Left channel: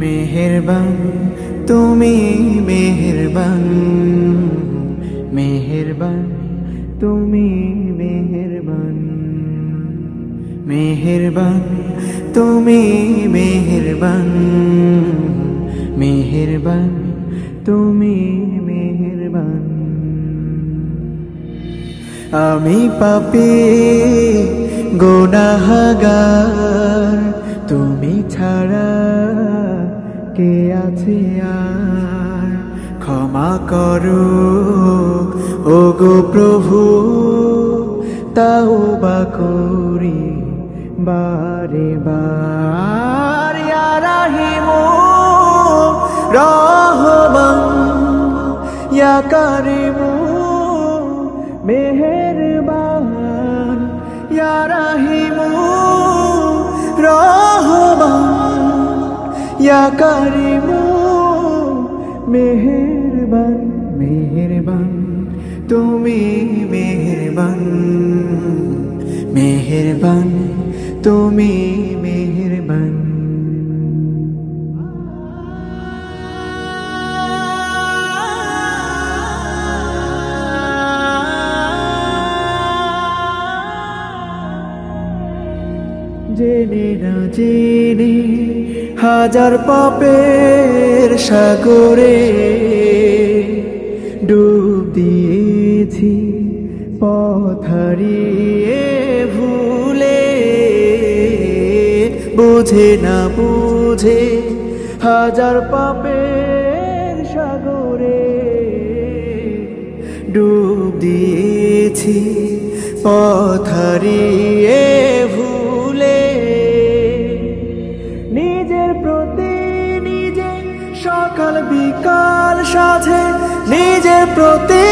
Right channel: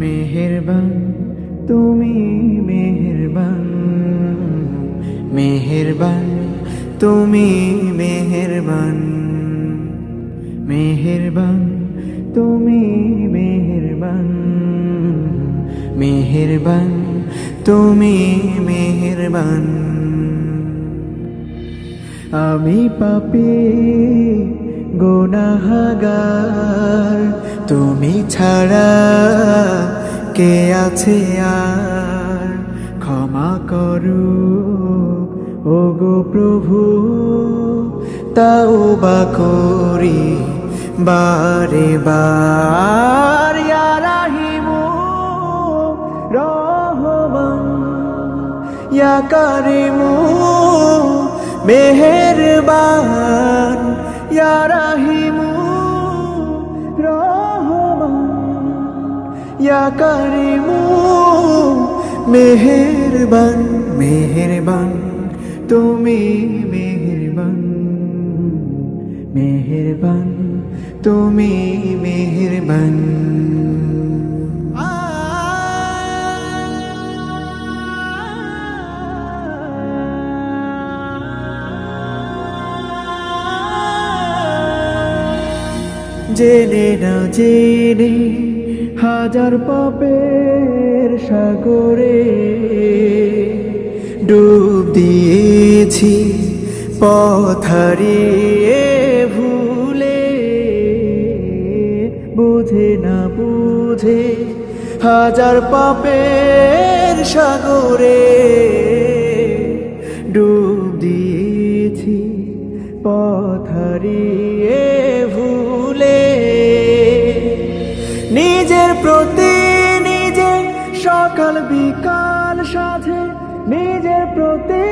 মেহেরবান তুমি মেহেরবান, মেহেরবান তুমি মেহেরবান, মেহেরবান তুমি মেহেরবান, মেহেরবান তুমি মেহেরবান। আমি পাপী গুনাহগার, তুমি ছাড়া কে আছে আর? ক্ষমা করো ওগো প্রভু, তাওবা করি বারে বার। ইয়া রাহিমু রহমান, ইয়া কারিমু মেহেরবান, ইয়া রাহিমু রহমান, ইয়া কারিমু মেহেরবান। মেহেরবান তুমি মেহেরবান, মেহেরবান তুমি মেহেরবান। জেনে না জেনে হাজার পাপের সাগরে ডুব দিয়েছি, পথ হারিয়ে ভুলে। বুঝে না বুঝে হাজার পাপের সাগরে ডুব দিয়েছি, পথ হারিয়ে ভুলে। নিজের প্রতি নিজে সকাল বিকাল সাজে, নিজের প্রতি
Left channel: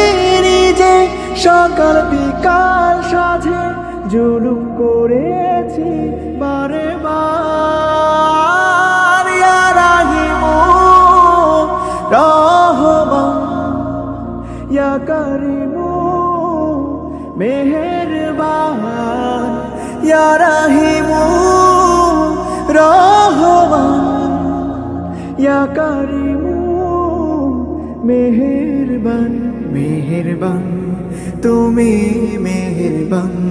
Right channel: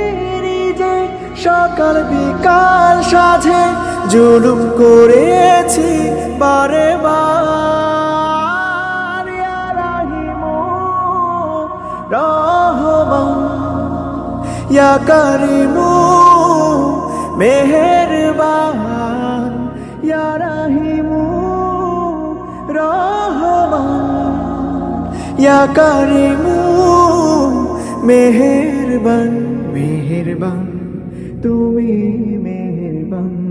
নিজে সকাল বিকাল সাজে জুলুম করেছি বারে বার। ইয়া রাহিমু রহমান, ইয়া কারিমু মেহেরবান, ইয়া রাহিমু রহমান, ইয়া কারিমু মেহেরবান। মেহেরবান তুমি মেহেরবান।